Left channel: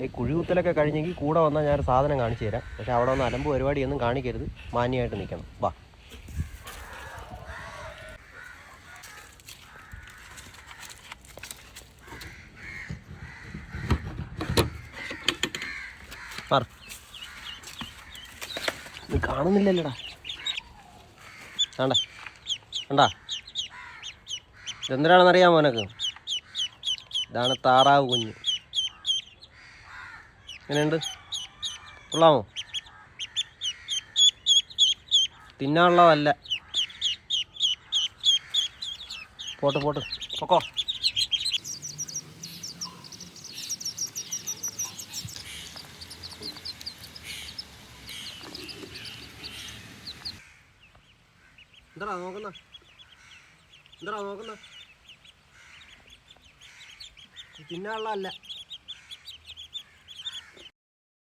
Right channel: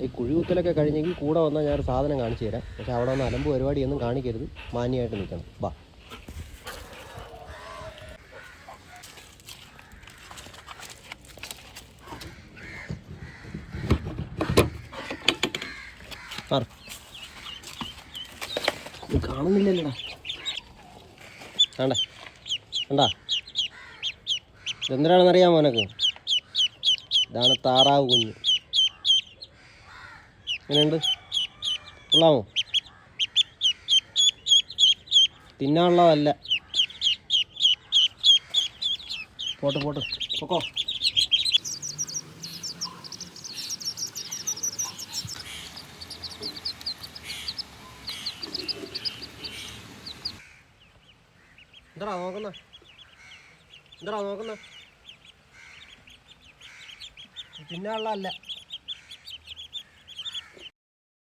ഈ കുഴികുത്തലൊക്കെ കഴിഞ്ഞെങ്കിൽ കൂടെ വന്നാൽ ഞാൻ സാധനം കാണിച്ചു തരാം. പക്ഷെ അവിടെ വന്ന് അലമ്പ് പരിപാടിയൊന്നും കാണിക്കരുത്. മാന്യമായിട്ട് നിൽക്കണം. വാ. പറ. കാണുന്നില്ലല്ലോടാ. വേണ്ട അറിയാമോ നിനക്ക്? ഇതാണ് താറാവ് കുഞ്ഞ്. എങ്ങനെയുണ്ട്? കൊള്ളാമോ? തിന്നാനുള്ളതല്ല. പോട്ട് പോട്ട്. പൊക്കോ. എന്താ നോക്കുന്ന? എന്താ നോക്കുന്ന? തിന്നാനുള്ളതല്ല.